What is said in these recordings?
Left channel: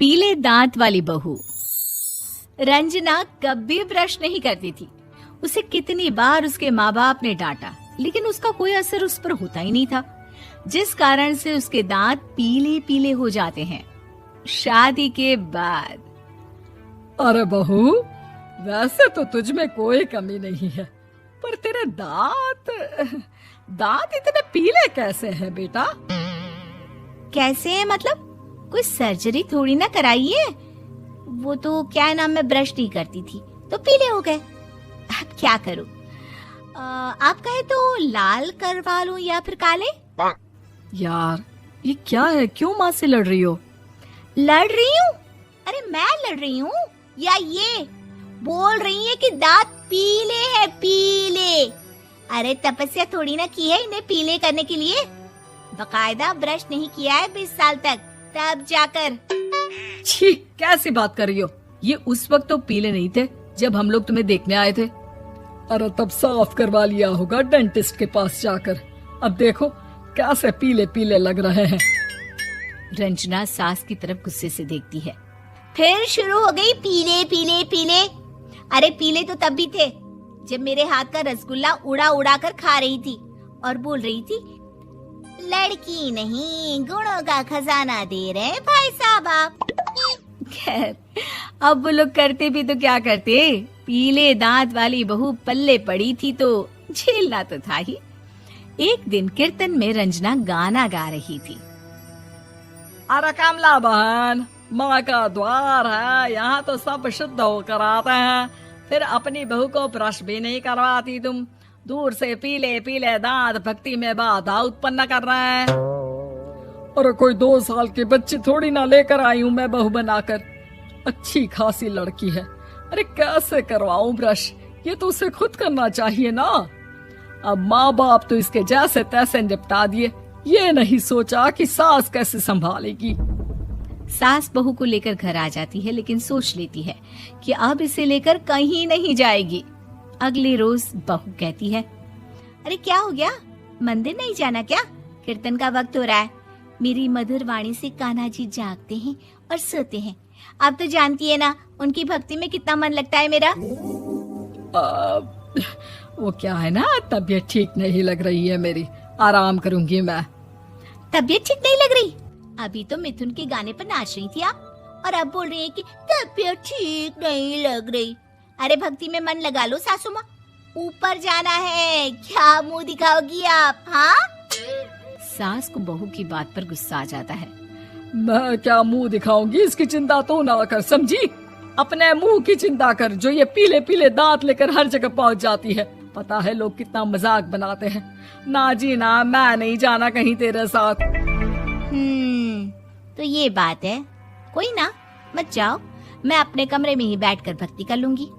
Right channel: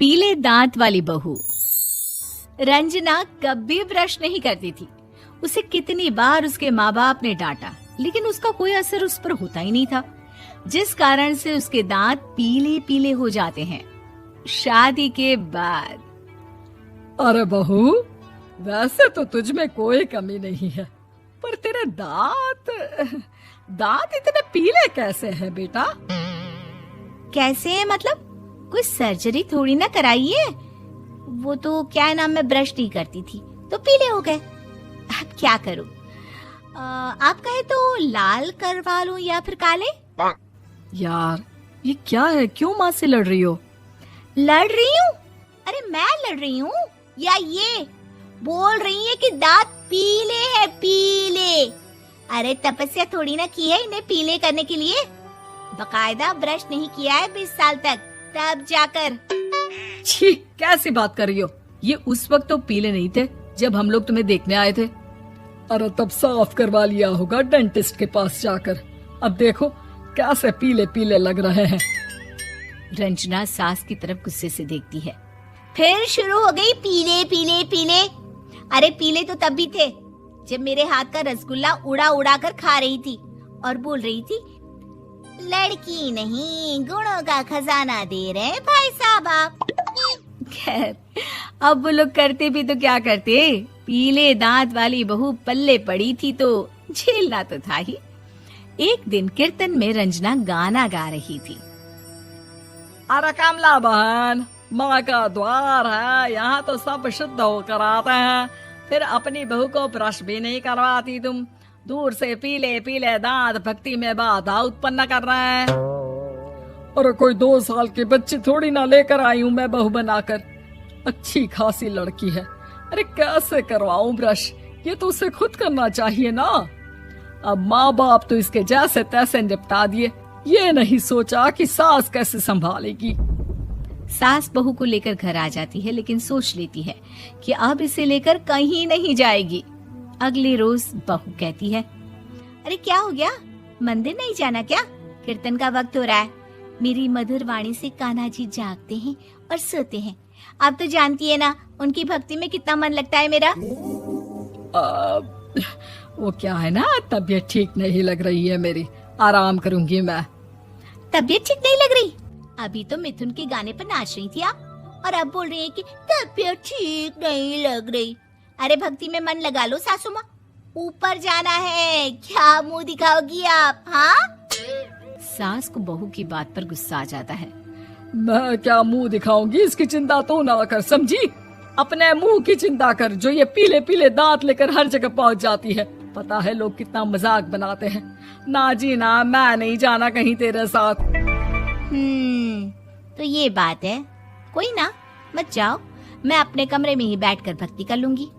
पीले दांत वाली बहू। रंजना कभी ब्रश नहीं करती थी। उसे कितनी बार उसके माँ बाप ने डांटा, लेकिन उसका कोई असर उस पर होता ही नहीं था, जिस कारण से उसके दांत पीले पीले हो जाते हैं। शादी के बाद अरे बहू, वैसे तो तुझ में कोई कमी नहीं है, पर तेरे दांत इतने पीले कैसे हैं बेटा? कैसे मतलब? कोई सर्जरी थोड़ी ना कराइए। वो तो क्या नाम, मैं ब्रश नहीं करती थी तो पीले हो गए। अब क्या करूं? आप कहें तो लाल करवा लूं या फिर काले? यार ये क्या है, क्यों माँ से लड़ रही हो? लड़ रही हूँ? अरे मैं लड़ रही हूँ या ये बोल रही है कि दांत पीले हैं, पीले। अरे तपस्या थोड़ी ना की है इन्हें पीले करने के लिए। बकायदा ब्रश नहीं किया है 20 साल तक, तब जाकर। छी, कैसी बात कर रही हो? ये उस वक्त तो पीले नहीं थे जब हम लोग तुम्हें देखने आए थे। अरे तब साफ करवा लिया होगा डेंटिस्ट के पास जाकर। अब देखो कैसे पीले पीले लग रहे हैं। रंजना सास की तरफ गुस्से से देखती है। फिर शुरू हो गई पीले पीले पीले। अरे पीले तो तब भी थे जब मेरे हाथ का रसगुल्ला उड़ा उड़ा कर खा रही थी और बोल रही थी, लड़की नहीं गुणों का खजाना दे रहे भाई साहब आप। खैर, अब वो लोग करते भी तो क्या करते, पीले दांत वाली बहू पल्ले पड़ी थी तो झेलना तो था ही। एक दिन कीर्तन में रंजना गाना गा रही थी। अरे कमला बहन, माँ का द्वार है, यहाँ तो सब शुद्ध होकर आते हैं, फिर अपनी बहू को ब्रश भी नहीं करवाती तुम। दूर से पीले पीले दांत भक्ति में बाधा उत्पन्न कर रहे हैं। अरे कोई 2 साल की बच्ची थोड़ी ना लेकर आई हूँ मैं बहू बनाकर। अच्छी खासी लड़की है, अरे कैसे करवाऊं ब्रश? ये तो उसे खुद करना चाहिए ना। अब माँ बाप तो इसके जैसे तैसे निपटा दिए, ये नहीं सोचा कि सास कैसे संभालेगी। सास बहू को लेकर घर आ जाती है, लेकिन सोच लेती है कि अब इसे लेकर कहीं नहीं जाएगी। अगले रोज बहू कहती है, अरे क्या हो गया, मंदिर नहीं जाना क्या? कीर्तन का वक्त हो रहा है। मेरी मधुर वाणी से कान्हा जी जागते हैं और सोते हैं। आप तो जानती है ना उनकी भक्ति में कितना मन लगता है मेरा। वो क्या है ना, तबीयत ठीक नहीं लग रही है मेरी, आराम करूंगी मैं। तबीयत ठीक नहीं लग रही? अभी तो मिथुन के गाने पर नाच रही थी आप, और अब बोल रही है कि तबीयत ठीक नहीं लग रही। अरे भक्ति में मन लगा लो सासू माँ, ऊपर जाना है, क्या मुंह दिखाओगी आप? हाँ? सास को बहू की बात पर गुस्सा आ जाता है। मैं क्या मुंह दिखाऊंगी, इसकी चिंता तो ना कर, समझी? अपने मुंह की चिंता कर, जो ये पीले पीले दांत लेकर हर जगह पहुंच जाती है। पता है लोग कितना मजाक बनाते हैं। ना जी ना, मैं नहीं जाना कहीं तेरे साथ। तो ये बात है, कोई ना, मत जाओ, मैं अपने कमरे में ही बैठकर भक्ति कर लूंगी।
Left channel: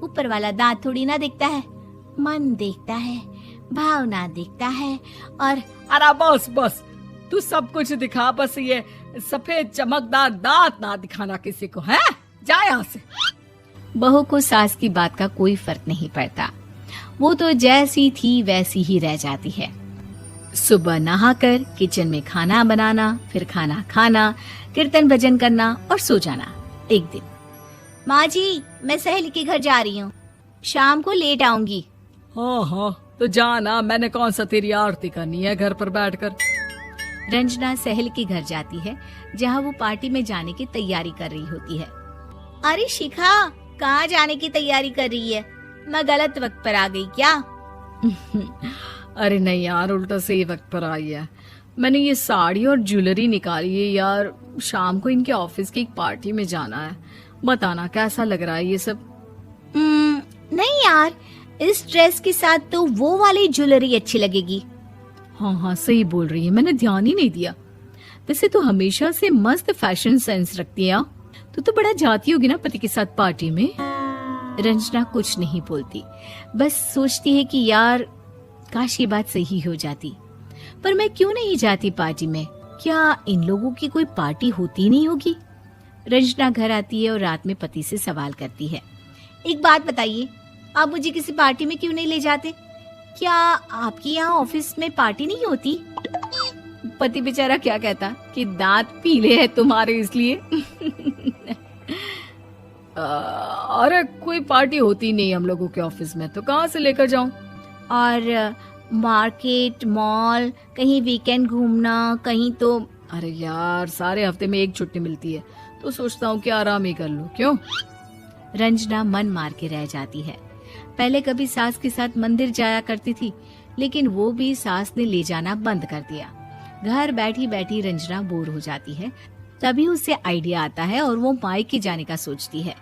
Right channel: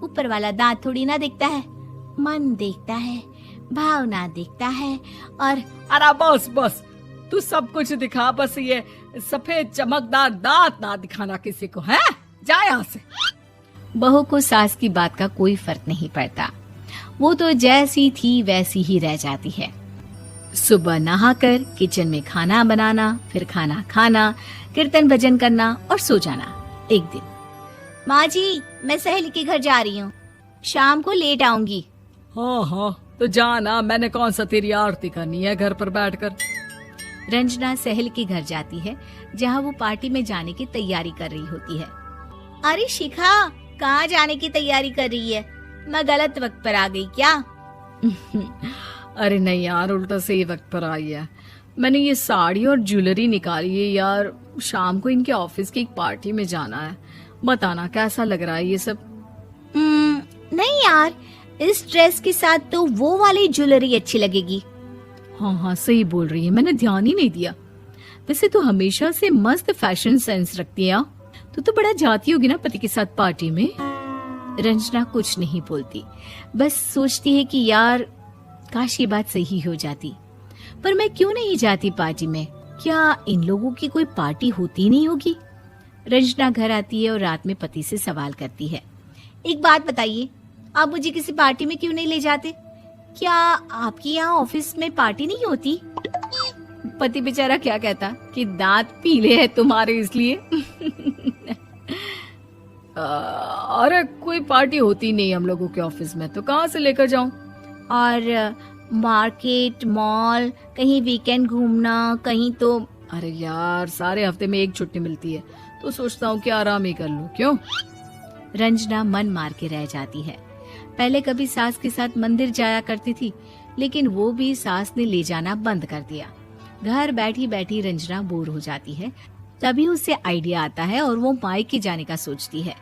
ऊपर वाला दांत थोड़ी ना देखता है, मन देखता है, भावना देखता है। और अरे बस बस, तू सब कुछ दिखा, बस ये सफेद चमकदार दांत ना दिखाना किसी को, है? जा यहाँ से। बहू को सास की बात का कोई फर्क नहीं पड़ता, वो तो जैसी थी वैसी ही रह जाती है। सुबह नहाकर किचन में खाना बनाना, फिर खाना खाना, कीर्तन भजन करना और सो जाना। एक दिन, माँ जी मैं सहेली के घर जा रही हूँ, शाम को लेट आऊंगी। हाँ हाँ तो जाना, मैंने कौन सा तेरी आरती करनी है घर पर बैठकर। रंजना सहेली के घर जाती है, जहाँ वो पार्टी में जाने की तैयारी कर रही होती है। अरे शिखा, कहाँ जाने की तैयारी कर रही है? मैं गलत वक्त पर आ गई क्या? अरे नहीं यार, उल्टा सही वक्त पर आ गया। मैंने ये साड़ी और ज्वेलरी निकाली है यार, शाम को इनके ऑफिस की एक पार्टी में जाना है। बताना कैसा लग रहा है ये सब? नहीं यार, इस ड्रेस के साथ तो वो वाली ज्वेलरी अच्छी लगेगी। हाँ हाँ सही बोल रही है, मैंने ध्यान ही नहीं दिया। वैसे तो हमेशा से मस्त फैशन सेंस रखती है। तो बड़ा जाती होगी ना पति के साथ पार्टी में। रंजना कुछ नहीं बोलती, बस सोचती है कि यार काश ये बात सही हो जाती, पर मैं क्यों नहीं जाती पार्टी में? क्या इन लोगों की कोई पार्टी होती नहीं होगी? रंजना घर आती है और रात में पति से सवाल करती है, एक बात बताइए, आप मुझे किसी पार्टी में क्यों नहीं ले जाते? क्या आपकी यहाँ ऑफिस में पार्टी नहीं होती? पति बेचारा क्या कहता कि दांत पीले हैं तुम्हारे इसलिए। अरे कोई पार्टी होती नहीं हम लोगों के ऑफिस में, तो कहाँ से लेकर जाऊं? और मार्केट मॉल कहीं वीकेंड घूमना कहीं तो। अरे यार सारे हफ्ते में एक छुट्टी मिलती है, तो सोचता हूँ कि आराम ही कर लूं। क्यों? रंजना मन मार के रह जाती है। पहले कभी सास के साथ मंदिर जाया करती थी, लेकिन वो भी सास ने ले जाना बंद कर दिया। घर बैठी बैठी रंजना बोर हो जाती है। तभी उसे आइडिया आता है और वो मायके जाने का सोचती है।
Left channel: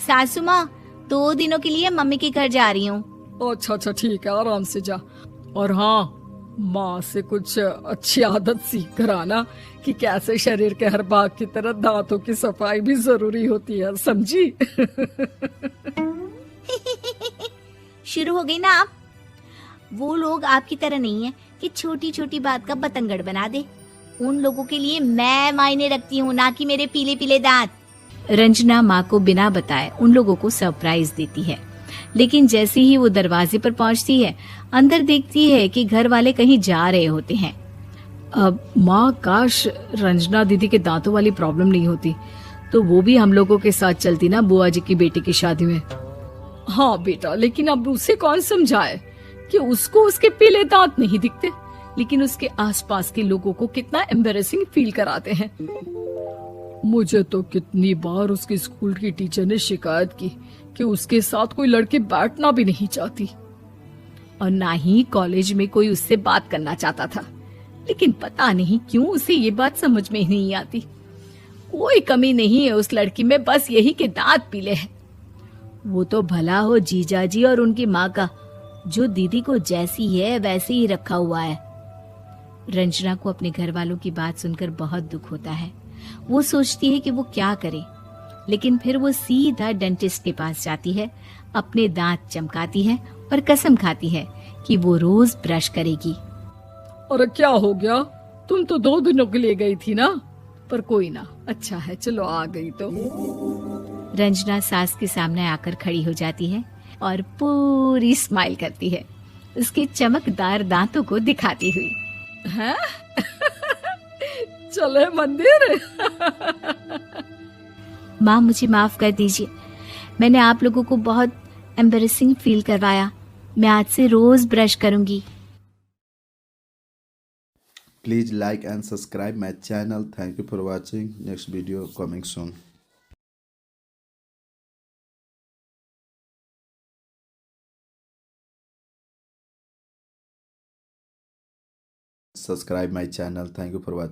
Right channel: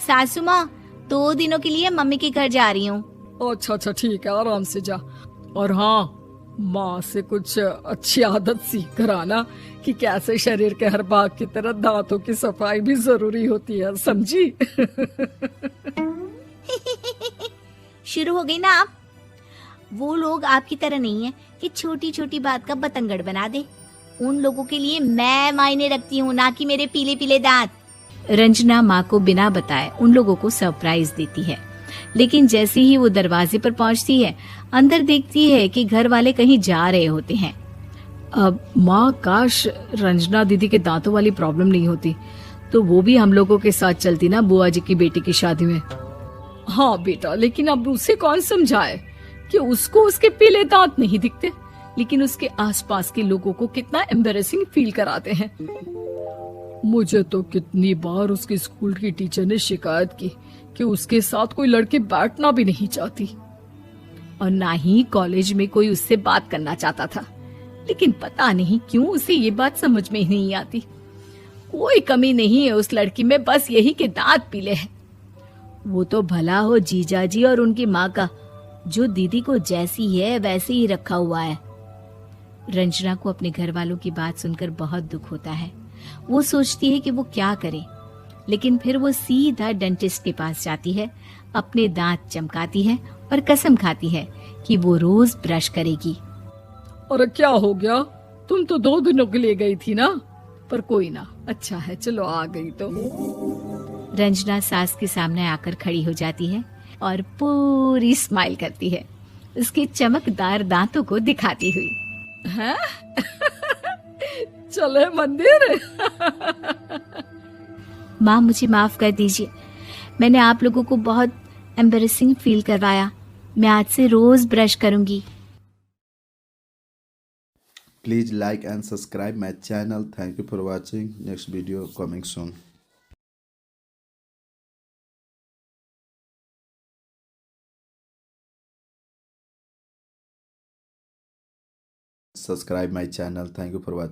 सासू माँ, 2 दिनों के लिए मम्मी के घर जा रही हूँ। अच्छा अच्छा ठीक है, आराम से जा। और हाँ, माँ से कुछ अच्छी आदत सीख कर आना कि कैसे शरीर के हर भाग की तरह दांतों की सफाई भी जरूरी होती है, समझी? शुरू हो गई ना आप। वो लोग आपकी तरह नहीं है कि छोटी छोटी बात का बतंगड़ बना दे। उन लोगों के लिए मैं मायने रखती हूँ, ना कि मेरे पीले पीले दांत। रंजना माँ को बिना बताए उन लोगों को सरप्राइज देती है, लेकिन जैसे ही वो दरवाजे पर पहुंचती है, अंदर देखती है कि घर वाले कहीं जा रहे होते हैं। अब माँ, काश रंजना दीदी के दांतों वाली प्रॉब्लम नहीं होती, तो वो भी हम लोगों के साथ चलती ना बुआ जी की बेटी की शादी में। हाँ बेटा, लेकिन अब उसे कौन समझाए कि उसको उसके पीले दांत नहीं दिखते, लेकिन उसके आसपास के लोगों को कितना एम्बैरेसिंग फील कराते हैं। मुझे तो कितनी बार उसके स्कूल की टीचर ने शिकायत की कि उसके साथ कोई लड़की बैठना भी नहीं चाहती, और ना ही कॉलेज में कोई उससे बात करना चाहता था। लेकिन पता नहीं क्यों उसे ये बात समझ में ही नहीं आती। कोई कमी नहीं है उस लड़की में, बस यही कि दांत पीले हैं। वो तो भला हो जीजा जी और उनकी माँ का, जो दीदी को जैसी है वैसे ही रखा हुआ है। रंजना को अपने घर वालों की बात सुनकर बहुत दुख होता है। वो सोचती है कि वो क्या करे, लेकिन फिर वो सीधा डेंटिस्ट के पास जाती है, अपने दांत चमकाती है और कसम खाती है कि वो रोज ब्रश करेगी। अरे क्या हो गया? तुम तो 2 दिनों के लिए गई थी ना। पर कोई ना, अच्छा है, चलो आ गई तो। रंजना सास के सामने आकर खड़ी हो जाती है और पूरी स्माइल करती है, उसके चमकदार दांतों को दिखाती हुई। हैं? चले मंदिर? माँ, मुझे माफ कर दीजिए, मैंने आप लोगों को बहुत एम्बैरेसिंग फील करवाया। मैं आज से रोज ब्रश करूंगी। Please like and subscribe my channel. Thank you for watching. Next video coming soon. Subscribe my channel. Thank you for watching.